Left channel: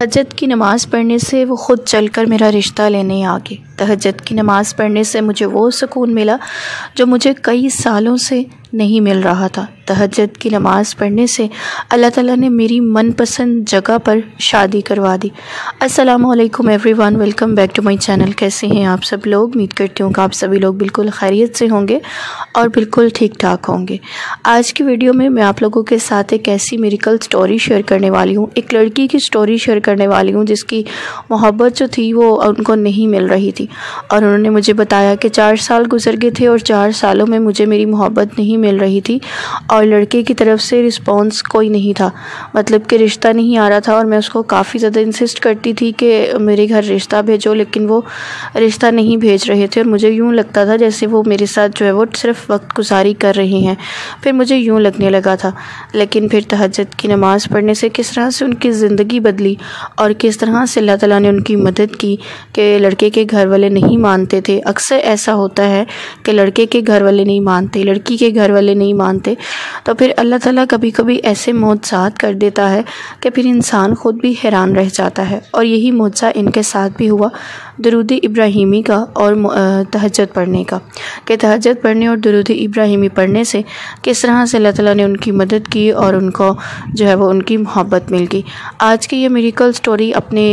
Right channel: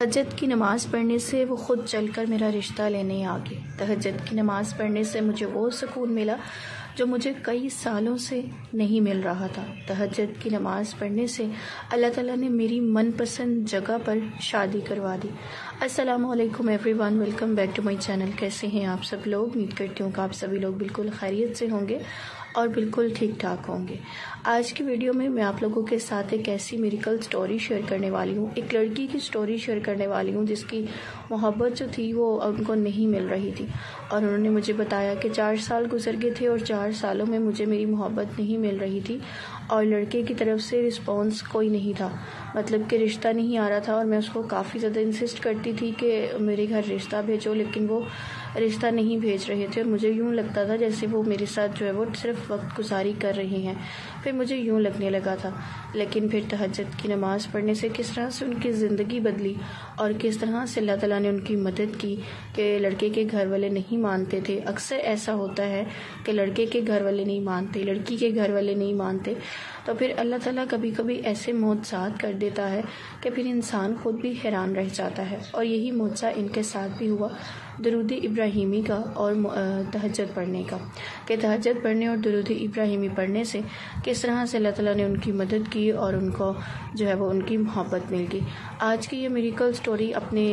تہجد کی نماز پڑھنے سے وہ خود چل کر میرا رشتہ لینے آ گئے۔ تہجد کی نماز پڑھنے سے مجھے وہ سکون ملا جو مجھے کئی سالوں سے نہیں مل رہا تھا۔ تہجد کی نماز پڑھنے سے اللہ تعالیٰ نے میری من پسند جگہ پر شادی کروا دی۔ السلام علیکم everyone, welcome back to my channel. کیسے ہیں آپ سب لوگ؟ امید کرتی ہوں کہ آپ سبھی لوگ بالکل خیریت سے ہوں گے اور بالکل ٹھیک ٹھاک ہوں گے۔ آج کی ویڈیو میں آپ لوگوں کے ساتھ ایک ایسی میریکل سٹوری شیئر کرنے والی ہوں، ایک لڑکی کی سٹوری شیئر کرنے والی ہوں جس کی محبت جو تھی وہ ان کو نہیں مل رہی تھی، اور انہوں نے مجھے بتایا کہ 4 سال گزر گئے تھے اور 4 سالوں میں مجھے میری محبت نہیں مل رہی تھی اور لڑکے کی طرف سے رسپانس کوئی نہیں تھا، مطلب کہ رشتہ نہیں آ رہا تھا، اور میں اس کو کافی زیادہ انسسٹ کرتی تھی کہ میرے گھر رشتہ بھیجو، لیکن وہ رشتہ نہیں بھیج رہے تھے اور مجھے یوں لگتا تھا جیسے وہ میرے ساتھ جو ہے وہ صرف وقت گزاری کر رہے ہیں۔ پھر مجھے یوں لگنے لگا تھا، لیکن پھر تہجد کی نماز پڑھنے سے کس طرح سے ان کی زندگی بدلی اور کس طرح سے اللہ تعالیٰ نے ان کی مدد کی کہ لڑکے کے گھر والے نہیں مانتے تھے۔ اکثر ایسا ہوتا ہے کہ لڑکے کے گھر والے نہیں مانتے، لڑکی کے گھر والے نہیں مانتے، تو پھر اللہ تعالیٰ کبھی کبھی ایسے معجزات کر دیتا ہے کہ پھر انسان خود بھی حیران رہ جاتا ہے، اور یہی معجزہ ان کے ساتھ بھی ہوا درود ابراہیمی کا اور تہجد پڑھنے کا، کہ تہجد پڑھنے اور درود ابراہیمی پڑھنے سے کس طرح سے اللہ تعالیٰ نے ان کی مدد کی اور ان کو جو ہے وہ ان کی محبت مل گئی۔ آج کی یہ میریکل سٹوری اپنے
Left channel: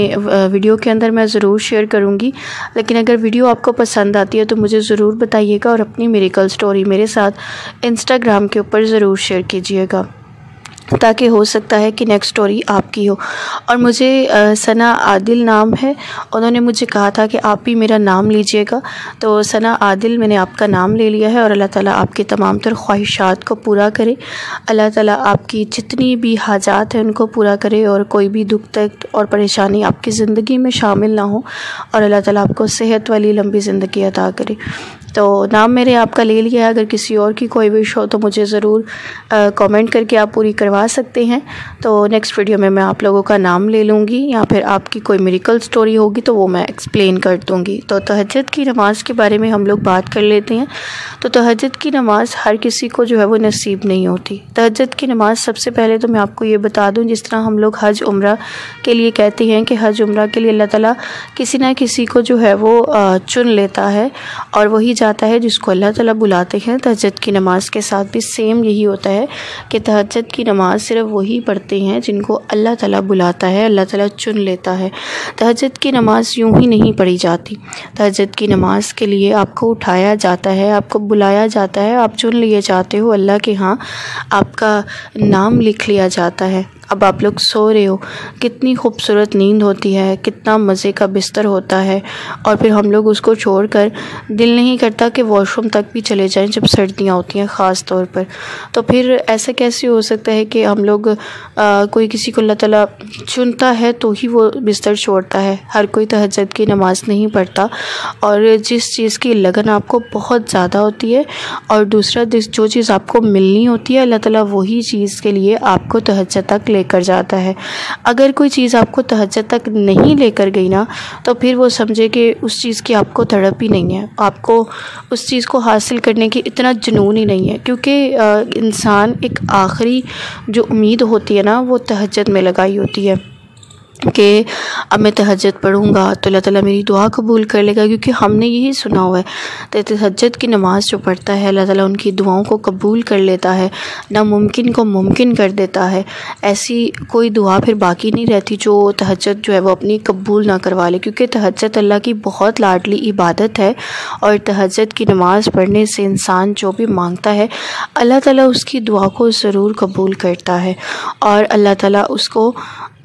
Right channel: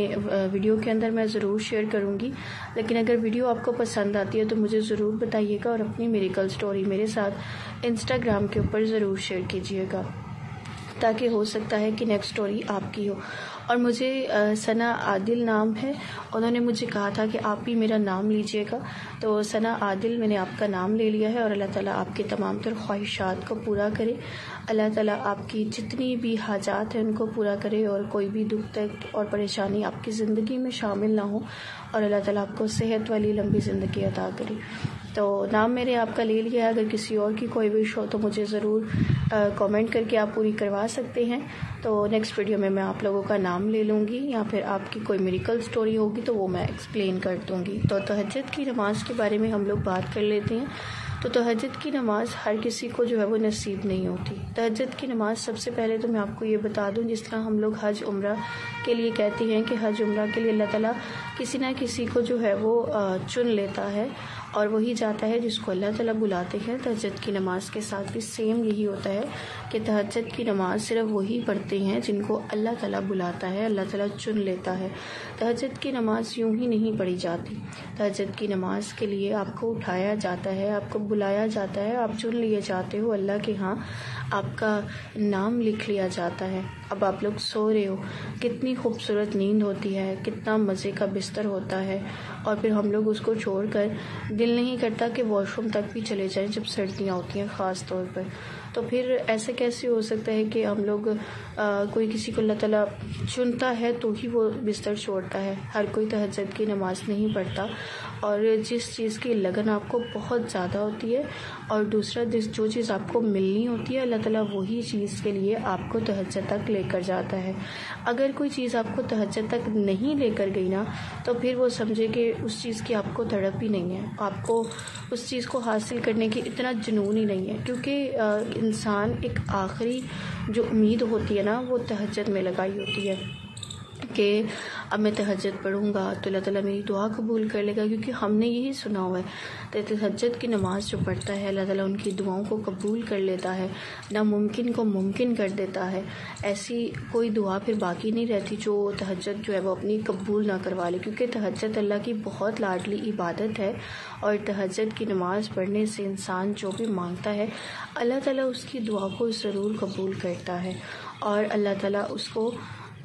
ویڈیو کے اندر میں ضرور شیئر کروں گی، لیکن اگر ویڈیو آپ کو پسند آتی ہے تو مجھے ضرور بتائیے گا اور اپنی میریکل سٹوری میرے ساتھ انسٹاگرام کے اوپر ضرور شیئر کیجیے گا، تاکہ ہو سکتا ہے کہ نیکسٹ سٹوری آپ کی ہو۔ اور مجھے ثنا عادل نام ہے، انہوں نے مجھے کہا تھا کہ آپ بھی میرا نام لیجئے گا، تو ثنا عادل میں نے آپ کا نام لے لیا ہے، اور اللہ تعالیٰ آپ کے تمام تر خواہشات کو پورا کرے، اللہ تعالیٰ آپ کی جتنی بھی حاجات ہیں ان کو پورا کرے، اور کوئی بھی دکھ تک اور پریشانی آپ کی زندگی میں شامل نہ ہو، اور اللہ تعالیٰ آپ کو صحت والی لمبی زندگی عطا کرے۔ تو نام میرے آپ کا لے لیا ہے، اگر کسی اور کی کوئی وش ہو تو مجھے ضرور کامنٹ کر کے آپ پوری کروا سکتے ہیں، تو نیکسٹ ویڈیو میں آپ لوگوں کا نام لے لوں گی، یا پھر آپ کی کوئی میریکل سٹوری ہوگی تو وہ میں ایکسپلین کر دوں گی۔ تو تہجد کی نماز کے بارے میں ہم لوگ بات کر لیتے ہیں۔ تو تہجد کی نماز ہر کسی کو جو ہے وہ نصیب نہیں ہوتی۔ تہجد کی نماز سب سے پہلے تو میں آپ کو یہ بتا دوں، جس طرح ہم لوگ حج عمرہ کے لیے کہتے ہیں کہ حج عمرہ کے لیے اللہ تعالیٰ کسی نہ کسی کو جو ہے وہ چن لیتا ہے اور وہی جاتا ہے جس کو اللہ تعالیٰ بلاتے ہیں۔ تہجد کی نماز کے ساتھ بھی سیم یہی ہوتا ہے کہ تہجد کی نماز صرف وہی پڑھتے ہیں جن کو اللہ تعالیٰ بلاتا ہے، اللہ تعالیٰ چن لیتا ہے۔ تہجد کی نماز یوں ہی نہیں پڑھی جاتی، تہجد کی نماز کے لیے آپ کو اٹھایا جاتا ہے، آپ کو بلایا جاتا ہے، آپ چن لیے جاتے ہو اللہ کے ہاں، آپ کا نام لکھ لیا جاتا ہے۔ اب آپ لوگ سو رہے ہو، کتنی خوبصورت نیند ہوتی ہے، کتنا مزے کا بستر ہوتا ہے، اور پھر ہم لوگ اس کو چھوڑ کر دل نہیں کرتا کہ واش روم تک بھی چلے جائیں جب سردیاں ہوتی ہیں خاص طور پر۔ تو پھر ایسا کیسے ہو سکتا ہے کہ ہم لوگ کوئی کسی کو اللہ تعالیٰ چنتا ہے تو ہی وہ بستر چھوڑتا ہے؟ ہر کوئی تہجد کی نماز نہیں پڑھتا، اور جس چیز کی لگن آپ کو بہت زیادہ ہوتی ہے، اور دوسرا جو چیز آپ کو ملنی ہوتی ہے، اللہ تعالیٰ وہی چیز کے لیے آپ کو تہجد تک لے کر جاتا ہے۔ اگر کوئی چیز آپ کو تہجد تک نہیں لے کر گئی نا، تو پھر وہ سمجھے کہ اس چیز کی آپ کو تڑپ ہی نہیں ہے، آپ کو اس چیز کو حاصل کرنے کی اتنا جنون ہی نہیں ہے، کیونکہ انسان ایک آخری جو امید ہوتی ہے نا وہ تہجد میں لگائی ہوتی ہے کہ اب میں تہجد پڑھوں گا تو اللہ تعالیٰ میری دعا قبول کر لے گا، کیونکہ ہم نے یہی سنا ہوا ہے تہجد کی نماز جو پڑھتا ہے اللہ تعالیٰ ان کی دعاؤں کو قبول کر لیتا ہے، ناممکن کو ممکن کر دیتا ہے۔ ایسی کوئی دعا پھر باقی نہیں رہتی جو تہجد جو ہے وہ اپنی قبول نہ کروا لے، کیونکہ تہجد اللہ کی بہت لاڈلی عبادت ہے، اور تہجد کی نماز پڑھنے سے انسان جو بھی مانگتا ہے اللہ تعالیٰ اس کی دعا کو ضرور قبول کرتا ہے، اور اللہ تعالیٰ اس کو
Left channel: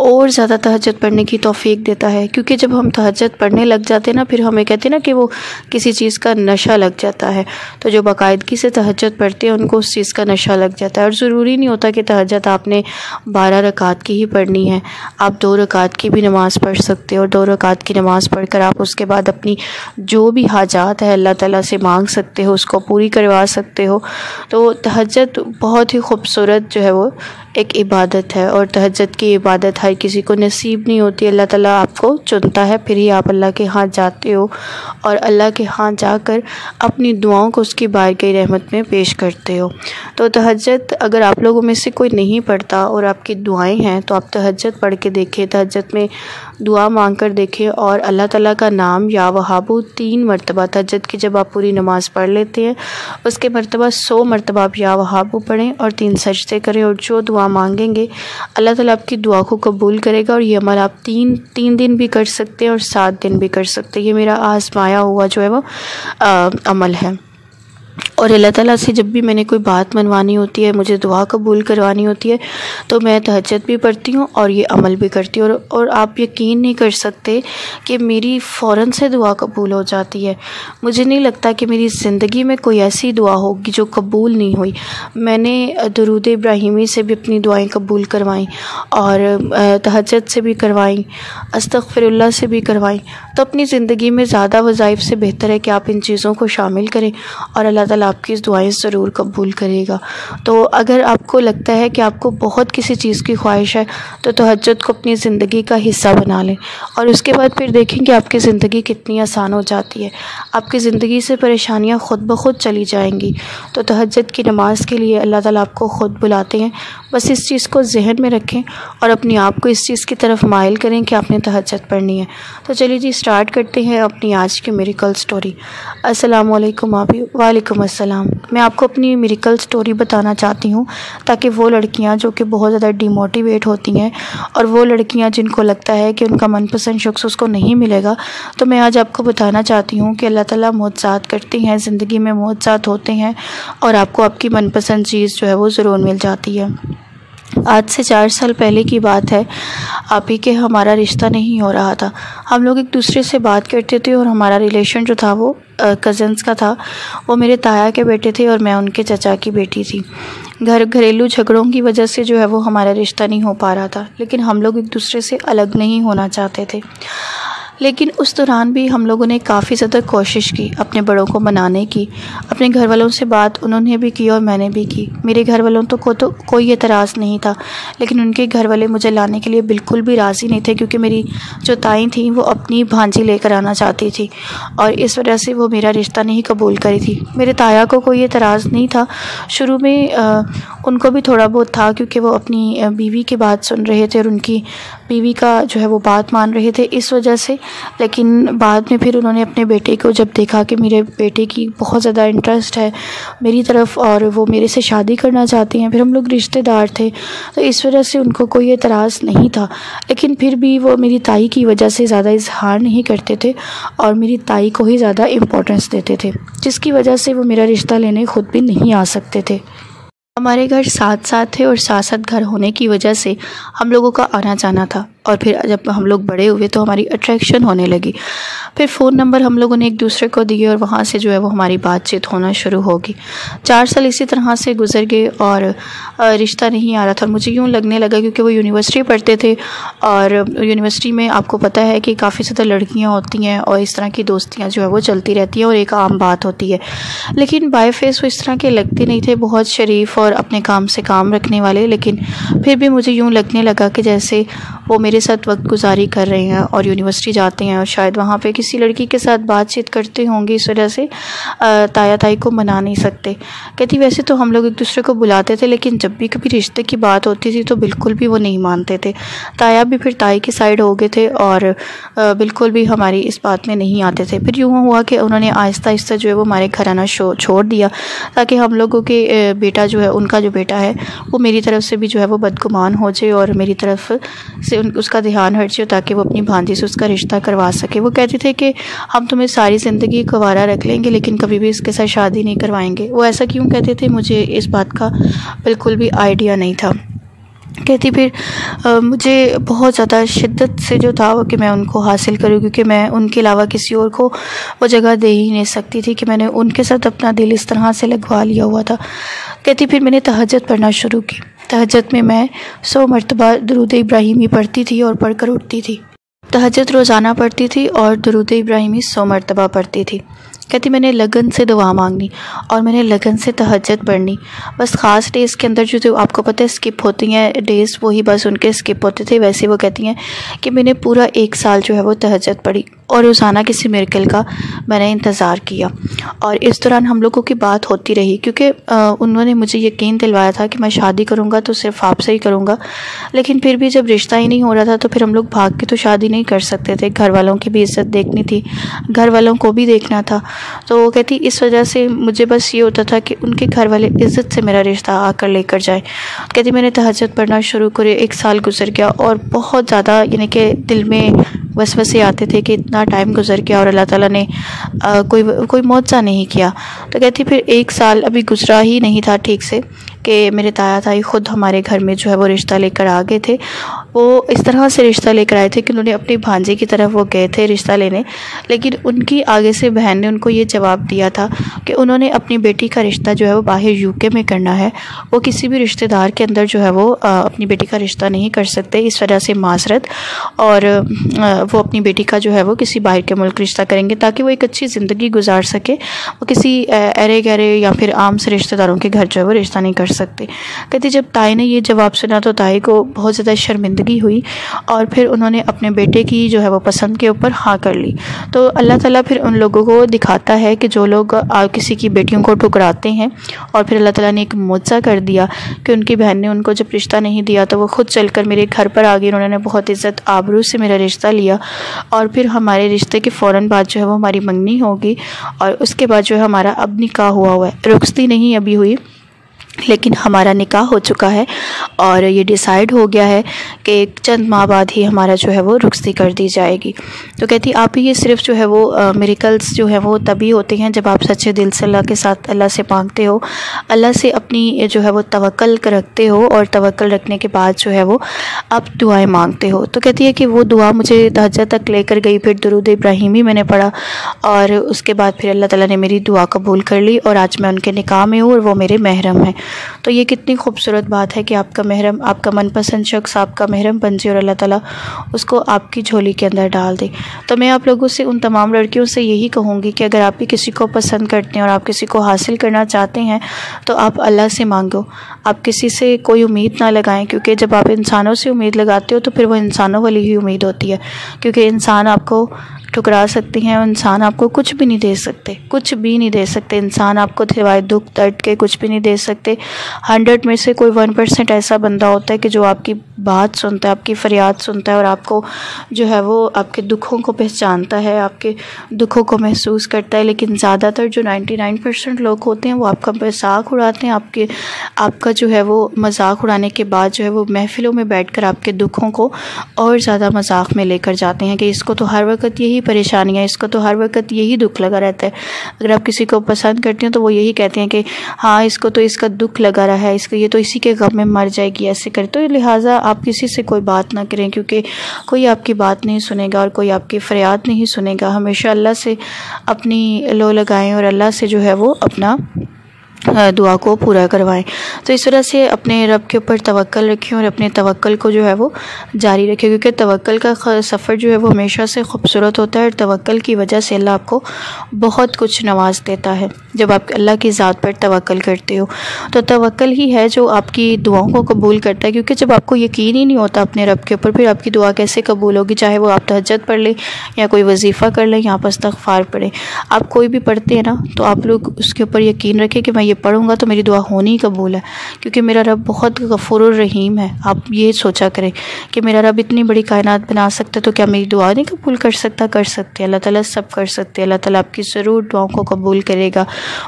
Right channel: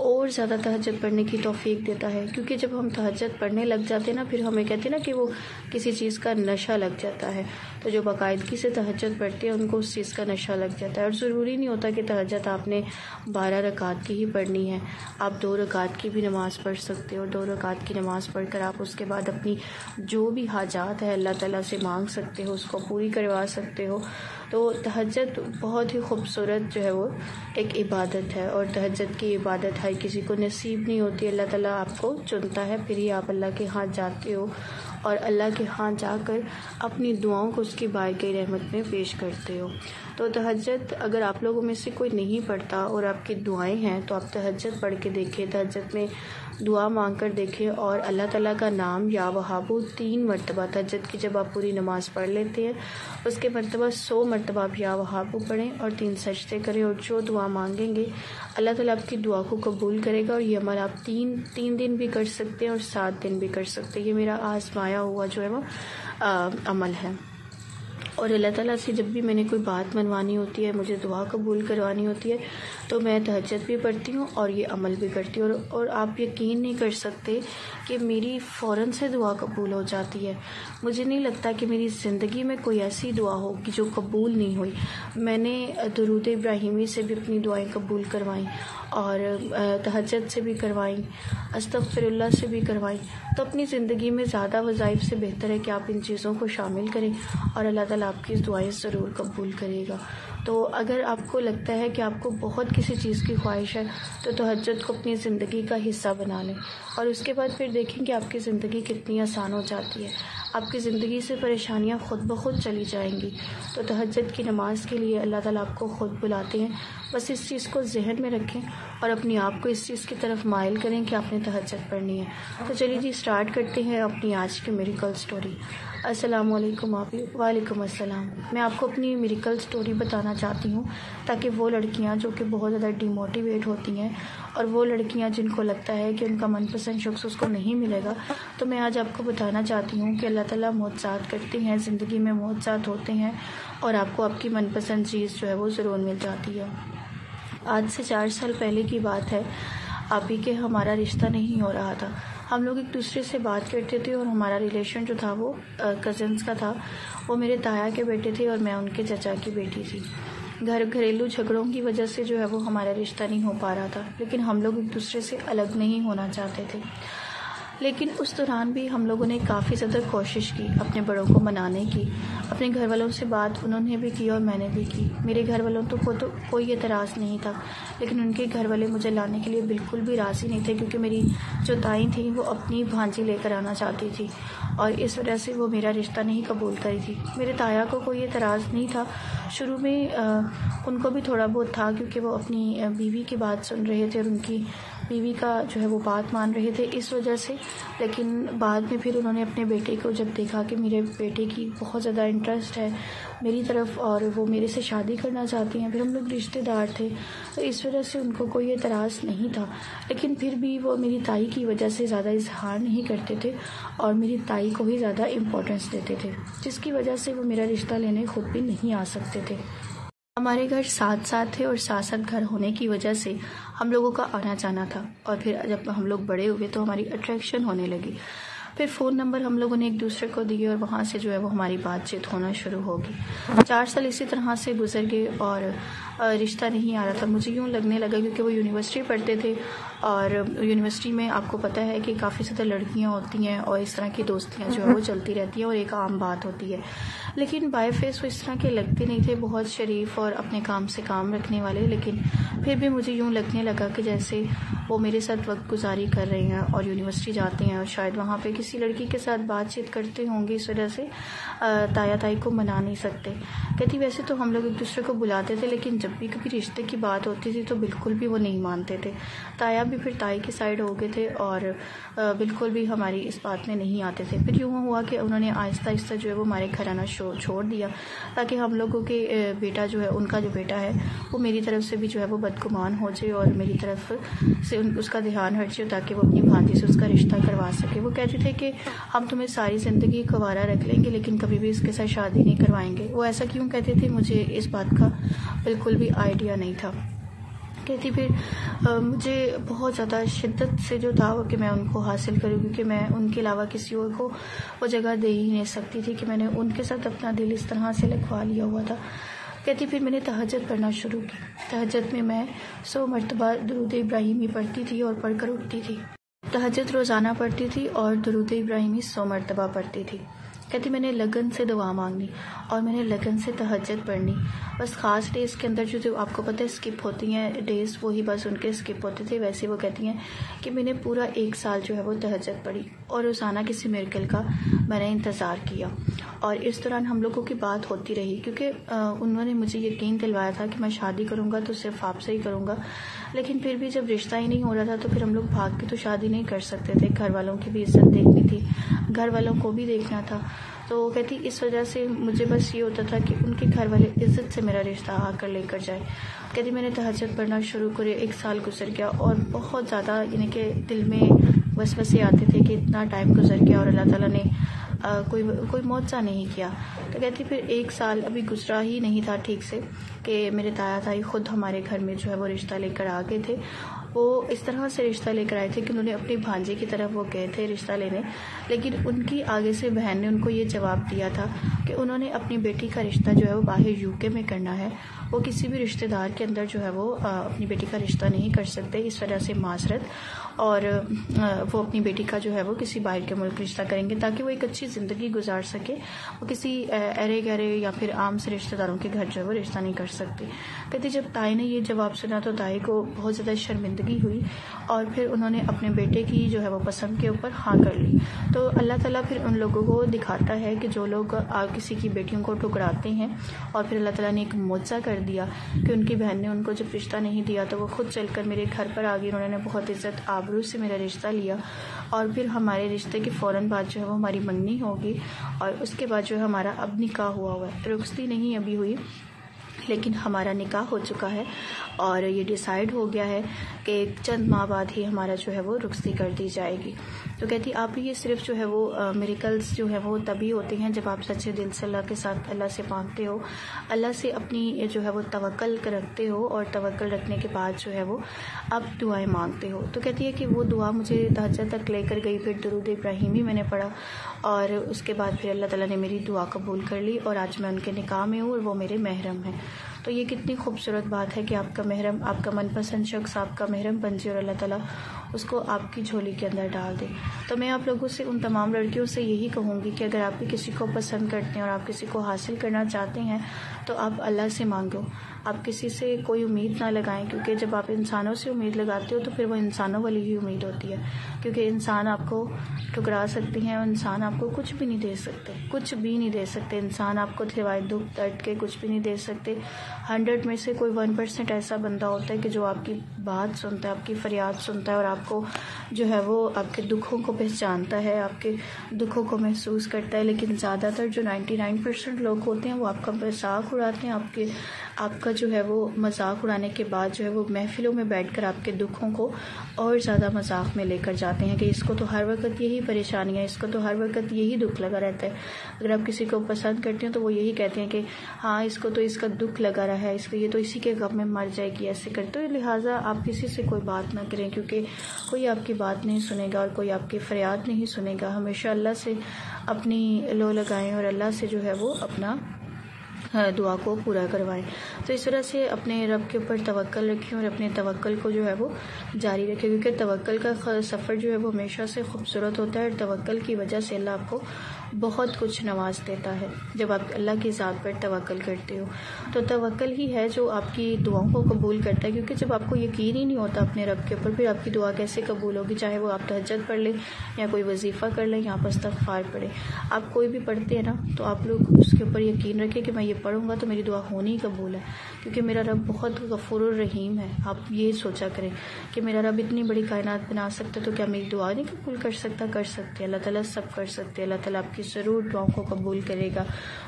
اور زیادہ تہجد پڑھنے کی توفیق دیتا ہے۔ کیونکہ جب ہم تہجد پڑھنے لگ جاتے ہیں نا، پھر ہمیں کہتے ہیں نا کہ وہ کسی چیز کا نشہ لگ جاتا ہے، تو جو باقاعدگی سے تہجد پڑھتے ہیں ان کو اس چیز کا نشہ لگ جاتا ہے، اور ضروری نہیں ہوتا کہ تہجد آپ نے 12 رکعت کی ہی پڑھنی ہے، آپ 2 رکعت کی بھی نماز پڑھ سکتے ہو، 2 رکعت کی نماز پڑھ کر آپ اس کے بعد اپنی جو بھی حاجات ہے اللہ تعالیٰ سے مانگ سکتے ہو، اس کو پوری کروا سکتے ہو۔ تو تہجد بہت ہی خوبصورت جو ہے وہ ایک عبادت ہے، اور تہجد کی عبادت ہر کسی کو نصیب نہیں ہوتی۔ اللہ تعالیٰ آپ کو چنتا ہے، پھر ہی آپ اللہ کے ہاں جاتے ہو اور اللہ کے ہاں جا کر اپنی دعاؤں کو اس کی بارگاہ رحمت میں پیش کرتے ہو۔ تو تہجد اگر آپ لوگوں میں سے کوئی نہیں پڑھتا اور آپ کی دعائیں ہیں تو آپ تہجد پڑھ کے دیکھیں، تہجد میں دعا مانگ کر دیکھیں، اور اللہ تعالیٰ کا نام یا وہابو 3 مرتبہ تہجد کی جب آپ پوری نماز پڑھ لیتے ہیں اس کے مرتبہ 100 مرتبہ آپ یا وہابو پڑھیں اور 3 سجدے کریں، اور جو دعا مانگیں گے اللہ تعالیٰ آپ کی دعا کو قبول کرے گا۔ اور یہ عمل آپ تین دن بھی کر سکتے ہیں اور 7 دن بھی کر سکتے ہیں۔ یہ میرا آزمایا ہوا جو ہے وہ عمل ہے۔ اور اللہ تعالیٰ سے جب بھی میں نے کوئی بات منوانی ہوتی ہے، مجھے دعا قبول کروانی ہوتی ہے، تو میں تہجد بھی پڑھتی ہوں اور یہ عمل بھی کرتی ہوں، اور آپ یقین نہیں کر سکتے کہ میری فوراً سے دعا قبول ہو جاتی ہے۔ مجھے نہیں لگتا کہ میری زندگی میں کوئی ایسی دعا ہوگی جو قبول نہیں ہوئی۔ میں نے درود ابراہیمی سے بھی اپنی دعائیں قبول کروائیں، اور تہجد سے بھی کروائیں، استغفر اللہ سے بھی کروائیں۔ تو اپنی زندگی میں زیادہ وظائف سے بہتر ہے کہ آپ ان چیزوں کو شامل کریں، اور اللہ تعالیٰ آپ کی اس دعائیں ضرور قبول کرے گا۔ تو اگر آپ کو لگتا ہے کہ آپ کو بہت کسی چیز کی خواہش ہے تو تہجد کو اپنی زندگی کا حصہ بنا لیں، اور اس کے بعد پھر دیکھیں کہ آپ کی زندگی کتنی آسان ہو جاتی ہے۔ آپ کی زندگی سے پریشانیاں خود بخود چلی جائیں گی۔ تو تہجد کی نماز کے لیے اللہ تعالیٰ آپ کو خود بلاتے ہیں، بس اس چیز کو ذہن میں رکھیں اور اپنے آپ کو اس چیز کی طرف مائل کریں کہ آپ نے تہجد پڑھنی ہے۔ تو چلیے جی اسٹارٹ کرتے ہیں اپنی آج کی میریکل سٹوری۔ السلام علیکم آپی۔ وعلیکم السلام۔ میں آپ کو اپنی میریکل سٹوری بتانا چاہتی ہوں تاکہ وہ لڑکیاں جو کہ بہت زیادہ ڈی موٹیویٹ ہوتی ہیں، اور وہ لڑکیاں جن کو لگتا ہے کہ ان کا من پسند شخص اس کو نہیں ملے گا، تو میں آج آپ کو بتانا چاہتی ہوں کہ اللہ تعالیٰ معجزات کرتے ہیں، زندگی میں معجزات ہوتے ہیں، اور آپ کو آپ کی من پسند چیز جو ہے وہ ضرور مل جاتی ہے۔ آج سے 4 سال پہلے کی بات ہے، آپ ہی کہ ہمارا رشتہ نہیں ہو رہا تھا۔ ہم لوگ ایک دوسرے سے بات کرتے تھے، اور ہمارا ریلیشن جو تھا وہ کزنس کا تھا۔ وہ میرے تایا کے بیٹے تھے اور میں ان کے چچا کی بیٹی تھی۔ گھریلو جھگڑوں کی وجہ سے جو ہے وہ ہمارا رشتہ نہیں ہو پا رہا تھا، لیکن ہم لوگ ایک دوسرے سے الگ نہیں ہونا چاہتے تھے۔ لیکن اس دوران بھی ہم لوگوں نے کافی زیادہ کوشش کی اپنے بڑوں کو منانے کی۔ اپنے گھر والوں سے بات انہوں نے بھی کی اور میں نے بھی کی۔ میرے گھر والوں کو تو کوئی اعتراض نہیں تھا، لیکن ان کے گھر والے مجھے لانے کے لیے بالکل بھی راضی نہیں تھے، کیونکہ میری جو تائیں تھیں وہ اپنی بھانجی لے کر آنا چاہتی تھی، اور اس وجہ سے وہ میرا رشتہ نہیں قبول کری تھی۔ میرے تایا کو کوئی اعتراض نہیں تھا، شروع میں ان کو بھی تھوڑا بہت تھا، کیونکہ وہ اپنی بیوی کی بات سن رہے تھے اور ان کی بیوی کا جو ہے وہ بات مان رہے تھے اس وجہ سے۔ لیکن بعد میں پھر انہوں نے اپنے بیٹے کو جب دیکھا کہ میرے بیٹے کی بہت زیادہ انٹرسٹ ہے میری طرف اور وہ میرے سے شادی کرنا چاہتے ہیں، پھر ہم لوگ رشتہ دار تھے، تو اس وجہ سے ان کو کوئی اعتراض نہیں تھا۔ لیکن پھر بھی وہ میری تائی کی وجہ سے زیادہ اظہار نہیں کرتے تھے اور میری تائی کو ہی زیادہ امپورٹنس دیتے تھے، جس کی وجہ سے وہ میرا رشتہ لینے خود بھی نہیں آ سکتے تھے۔ ہمارے گھر ساتھ تھے اور ساتھ گھر ہونے کی وجہ سے ہم لوگوں کا آنا جانا تھا، اور پھر جب ہم لوگ بڑے ہوئے تو ہماری اٹریکشن ہونے لگی۔ پھر فون نمبر ہم لوگوں نے ایک دوسرے کو دیے اور وہاں سے جو ہے وہ ہماری بات چیت ہونا شروع ہوگی۔ 4 سال اسی طرح سے گزر گئے اور رشتہ نہیں آ رہا تھا۔ مجھے یوں لگنے لگا کیونکہ وہ یونیورسٹی پڑھتے تھے، اور یونیورسٹی میں آپ کو پتہ ہے کہ کافی زیادہ لڑکیاں ہوتی ہیں اور اس طرح کی دوستیاں جو ہے وہ چلتی رہتی ہیں اور ایک عام بات ہوتی ہے، لیکن بائی فیس وہ اس طرح کے لگتے نہیں تھے، بہت شریف اور اپنے کام سے کام رکھنے والے۔ لیکن پھر بھی مجھے یوں لگنے لگا کہ جیسے وہ میرے ساتھ وقت گزاری کر رہے ہیں اور یونیورسٹی جاتے ہیں اور شاید وہاں پہ کسی لڑکی کے ساتھ بات چیت کرتے ہوں گے، اس وجہ سے تایا تائی کو منا نہیں سکتے۔ کہتی ویسے تو ہم لوگ ایک دوسرے کو بلاتے تھے، لیکن جب بھی کبھی رشتے کی بات ہوتی تھی تو بالکل بھی وہ نہیں مانتے تھے۔ تایا بھی پھر تائی کی سائڈ ہو گئے تھے اور بالکل بھی ہماری اس بات میں نہیں آتے تھے۔ پھر یوں ہوا کہ انہوں نے آہستہ آہستہ جو ہے وہ ہمارے گھر آنا چھوڑ دیا، تاکہ ہم لوگوں کے بیٹا جو ہے ان کا جو بیٹا ہے وہ میری طرف سے بھی جو ہے وہ بدگمان ہو جائے اور میری طرف سے اس کا دھیان ہٹ جائے، تاکہ وہ اپنی بھانجی سے اس کا رشتہ کروا سکے۔ وہ کہتے تھے کہ ہم تمہیں ساری زندگی کوارا رکھ لیں گے لیکن کبھی بھی اس کے ساتھ شادی نہیں کروائیں گے۔ وہ ایسا کیوں کہتے تھے مجھے اس بات کا بالکل بھی آئیڈیا نہیں تھا۔ کہتی پھر مجھے بہت زیادہ شدت سے جو تھا وہ کہ میں ان کو حاصل کروں، کیونکہ میں ان کے علاوہ کسی اور کو وہ جگہ دے ہی نہیں سکتی تھی کہ میں نے ان کے ساتھ اپنا دل اس طرح سے لگوا لیا ہوا تھا۔ کہتی پھر میں نے تہجد پڑھنا شروع کی۔ تہجد میں 100 مرتبہ درود ابراہیمی پڑھتی تھی اور پڑھ کر اٹھتی تھی۔ تہجد روزانہ پڑھتی تھی اور درود ابراہیمی 100 مرتبہ پڑھتی تھی۔ کہتی میں نے لگن سے دعا مانگنی اور میں نے لگن سے تہجد پڑھنی، بس خاص ڈیز کے اندر جو آپ کو پتہ ہے اسکپ ہوتی ہیں ڈیز، وہی بس ان کے اسکپ ہوتے تھے۔ ویسے وہ کہتی ہیں کہ میں نے پورا 1 سال جو ہے وہ تہجد پڑھی اور روزانہ کسی میریکل کا میں نے انتظار کیا، اور اس دوران ہم لوگوں کی بات ہوتی رہی، کیونکہ انہوں نے مجھے یقین دلوایا تھا کہ میں شادی کروں گا تو صرف آپ سے ہی کروں گا، لیکن پھر بھی جب رشتہ ہی نہیں ہو رہا تھا تو پھر ہم لوگ بھاگ کے تو شادی نہیں کر سکتے تھے، گھر والوں کی بھی عزت دیکھنی تھی، گھر والوں کو بھی دیکھنا تھا۔ تو وہ کہتی اس وجہ سے مجھے بس یہ ہوتا تھا کہ ان کے گھر والے عزت سے میرا رشتہ آ کر لے کر جائیں۔ کہتی میں نے تہجد پڑھنا شروع کرے، 1 سال گزر گیا اور بہت زیادہ یعنی کہ دل میں وسوسے آتے تھے کہ اتنا ٹائم گزر گیا اور اللہ تعالیٰ نے کوئی معجزہ نہیں کیا۔ تو کہتی پھر 1 سال ابھی گزرا ہی نہیں تھا ٹھیک سے کہ میرے تایا تائی خود ہمارے گھر میں جو ہے وہ رشتہ لے کر آ گئے تھے۔ وہ اس طرح سے رشتہ لے کر آئے تھے کہ انہوں نے اپنی بھانجے کی طرف وہ گئے تھے رشتہ لینے، لیکن ان کی آگے سے بہن نے ان کو یہ جواب دیا تھا کہ انہوں نے اپنی بیٹی کا رشتہ جو ہے وہ باہر UK میں کرنا ہے، وہ کسی بھی رشتہ دار کے اندر جو ہے وہ اپنی بیٹی کا رشتہ نہیں کر سکتے، اس وجہ سے معذرت، اور وہ اپنی بیٹی کا جو ہے وہ کسی باہر کے ملک رشتہ کریں گے تاکہ وہ ایک اچھی زندگی گزار سکے، وہ کسی ارے گہرے یا پھر عام سے رشتہ داروں کے گھر جو ہے وہ رشتہ نہیں کر سکتے۔ کہتی جب تائی نے یہ جواب سنا تو تائی کو بہت زیادہ شرمندگی ہوئی اور پھر انہوں نے اپنے بیٹے کی جو ہے وہ پسند کے اوپر ہاں کر لی۔ تو اللہ تعالیٰ پھر ان لوگوں کو دکھاتا ہے کہ جو لوگ کسی کی بیٹیوں کو ٹھکراتے ہیں، اور پھر اللہ تعالیٰ نے ایک معجزہ کر دیا کہ ان کی بہن نے ان کو جب رشتہ نہیں دیا تو وہ خود چل کر میرے گھر پر آ گئی، انہوں نے بہت عزت آبرو سے میرا رشتہ لیا، اور پھر ہمارے رشتے کے فوراً بعد جو ہے وہ ہماری منگنی ہوگی، اور اس کے بعد جو ہے ہمارا اب نکاح ہوا ہے، رخصتی نہیں ابھی ہوئی لیکن ہمارا نکاح ہو چکا ہے، اور یہ ڈیسائیڈ ہو گیا ہے کہ چند ماہ بعد ہی ہمارا جو ہے وہ رخصتی کر دی جائے گی۔ تو کہتی آپ ہی یہ صرف جو ہے وہ میریکلز جو ہے وہ تبھی ہوتے ہیں جب آپ سچے دل سے اللہ کے ساتھ اللہ سے مانگتے ہو، اللہ سے اپنی جو ہے وہ توکل رکھتے ہو، اور توکل رکھنے کے بعد جو ہے وہ آپ دعائیں مانگتے ہو۔ تو کہتی ہے کہ وہ دعا مجھے تہجد تک لے کر گئی، پھر درود ابراہیمی میں نے پڑھا، اور اس کے بعد پھر اللہ تعالیٰ نے میری دعا قبول کر لی، اور آج میں ان کے نکاح میں ہوں اور وہ میرے محرم ہیں۔ تو یہ کتنی خوبصورت بات ہے کہ آپ کا محرم، آپ کا من پسند شخص آپ کا محرم بن جائے اور اللہ تعالیٰ اس کو آپ کی جھولی کے اندر ڈال دے۔ تو میں آپ لوگوں سے، ان تمام لڑکیوں سے یہی کہوں گی کہ اگر آپ بھی کسی کو پسند کرتے ہیں اور آپ کسی کو حاصل کرنا چاہتے ہیں تو آپ اللہ سے مانگو، آپ کسی سے کوئی امید نہ لگائیں، کیونکہ جب آپ انسانوں سے امید لگاتے ہو تو پھر وہ انسانوں والی ہی امید ہوتی ہے، کیونکہ انسان آپ کو ٹھکرا سکتے ہیں، انسان آپ کو کچھ بھی نہیں دے سکتے، کچھ بھی نہیں دے سکتے، انسان آپ کو سوائے دکھ درد کے کچھ بھی نہیں دے سکتے۔ 100 میں سے کوئی 1% ایسا بندہ ہوتا ہے کہ جو آپ کی بات سنتا ہے، آپ کی فریاد سنتا ہے، اور آپ کو جو ہے وہ آپ کے دکھوں کو پہچانتا ہے، آپ کے دکھوں کو محسوس کرتا ہے، لیکن زیادہ تر جو 99% لوگ ہوتے ہیں وہ آپ کا مذاق اڑاتے ہیں، آپ کا جو ہے وہ مذاق اڑانے کے بعد جو ہے وہ محفلوں میں بیٹھ کر آپ کے دکھوں کو اور زیادہ مذاق میں لے کر جاتے ہیں کہ اس کو تو ہر وقت یہی پریشانیاں، اس کو تو ہر وقت یہی دکھ لگا رہتا ہے۔ اگر آپ کسی کو پسند کرتے ہیں تو وہ یہی کہتے ہیں کہ ہاں اس کو تو اس کا دکھ لگا رہا ہے، اس کو یہ تو اسی کے غم میں مر جائے گی، ایسے کرے۔ تو لہٰذا آپ کسی سے کوئی بات نہ کریں، کیونکہ کوئی آپ کی بات نہیں سنے گا اور کوئی آپ کی فریاد نہیں سنے گا۔ ہمیشہ اللہ سے اپنی لو لگائیں اور اللہ سے جو ہے وہ اپنا دعا کو پورا کروائیں۔ تو اس طرح سے اپنے رب کے اوپر توکل رکھیں اور اپنے توکل کو جو ہے وہ جاری رکھیں، کیونکہ توکل کا سفر جو ہے وہ ہمیشہ سے خوبصورت ہوتا ہے، اور توکل کی وجہ سے اللہ آپ کو بہت کچھ نواز دیتا ہے جب آپ اللہ کی ذات پر توکل کرتے ہو۔ تو توکل ہی ہے جو آپ کی دعاؤں کو قبول کرتا ہے، کیونکہ جب آپ کو یقین ہی نہیں ہوتا اپنے رب کے اوپر، پھر آپ کی دعا کیسے قبول ہوگی؟ چاہے وہ آپ تہجد پڑھ لیں یا کوئی وظیفہ کر لیں یا آپ استغفار پڑھیں، آپ کوئی بھی پڑھتے ہیں نا تو آپ لوگ اس کے اوپر یقین رکھیں کہ میں یہ پڑھوں گا تو میری دعا ہونی قبول ہے، کیونکہ میرا رب بہت غفور الرحیم ہے۔ آپ یہ سوچا کریں کہ میرا رب اتنی بڑی کائنات بنا سکتا ہے تو کیا میری دعا نہیں قبول کر سکتا؟ کر سکتے، اللہ تعالیٰ سب کر سکتے، اللہ تعالیٰ آپ کی ضرور دعاؤں کو قبول کرے گا،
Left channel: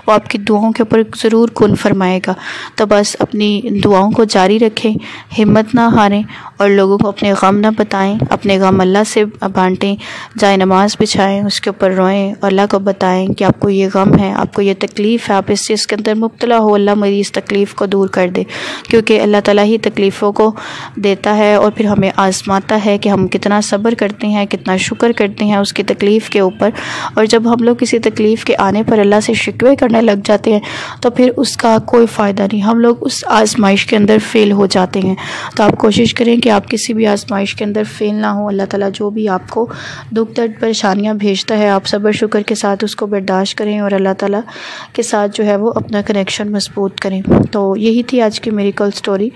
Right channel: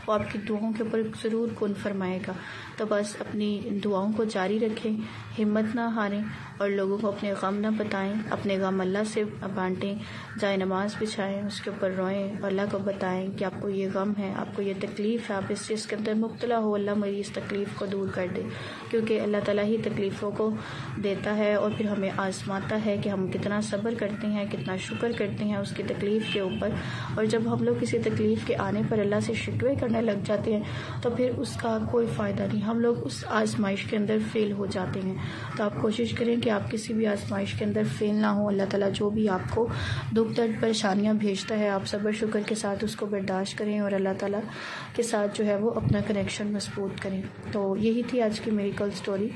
وہ آپ کی دعاؤں کے اوپر ضرور کن فرمائے گا۔ تو بس اپنی دعاؤں کو جاری رکھیں، ہمت نہ ہاریں، اور لوگوں کو اپنے غم نہ بتائیں، اپنے غم اللہ سے بانٹیں، جائے نماز بچھائیں، اس کے اوپر روئیں، اللہ کو بتائیں کہ آپ کو یہ غم ہے، آپ کو یہ تکلیف ہے، آپ اس چیز کے اندر اندر مبتلا ہو اللہ مریض تکلیف کو دور کر دے، کیونکہ اللہ تعالیٰ ہی تکلیفوں کو دیتا ہے اور پھر ہمیں آزماتا ہے کہ ہم کتنا صبر کرتے ہیں، کتنا شکر کرتے ہیں اس کی تکلیف کے اوپر۔ اور جب ہم لوگ کسی تکلیف کے آنے پر اللہ سے شکوے کرنے لگ جاتے ہیں تو پھر اس کا کوئی فائدہ نہیں، ہم لوگ اس آزمائش کے اندر فیل ہو جاتے ہیں۔ تو آپ کوشش کریں کہ آپ کسی بھی آزمائش کے اندر فیل نہ ہوں۔ اللہ تعالیٰ جو بھی آپ کو دکھ درد پریشانیاں بھیجتا ہے آپ صبر شکر کے ساتھ اس کو برداشت کریں اور اللہ تعالیٰ کے ساتھ جو ہے وہ اپنا کنیکشن مضبوط کریں۔ تو یہی تھی آج کی میریکل سٹوری۔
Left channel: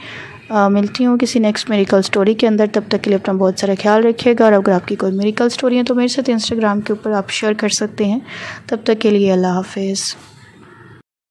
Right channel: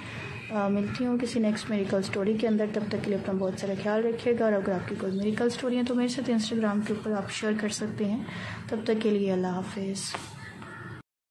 ملتی ہوں کسی نیکسٹ میریکل سٹوری کے اندر، تب تک کے لیے اپنا بہت سارا خیال رکھیے گا، اور اگر آپ کی کوئی میریکل سٹوری ہے تو میرے ساتھ انسٹاگرام کے اوپر آپ شیئر کر سکتے ہیں۔ تب تک کے لیے اللہ حافظ۔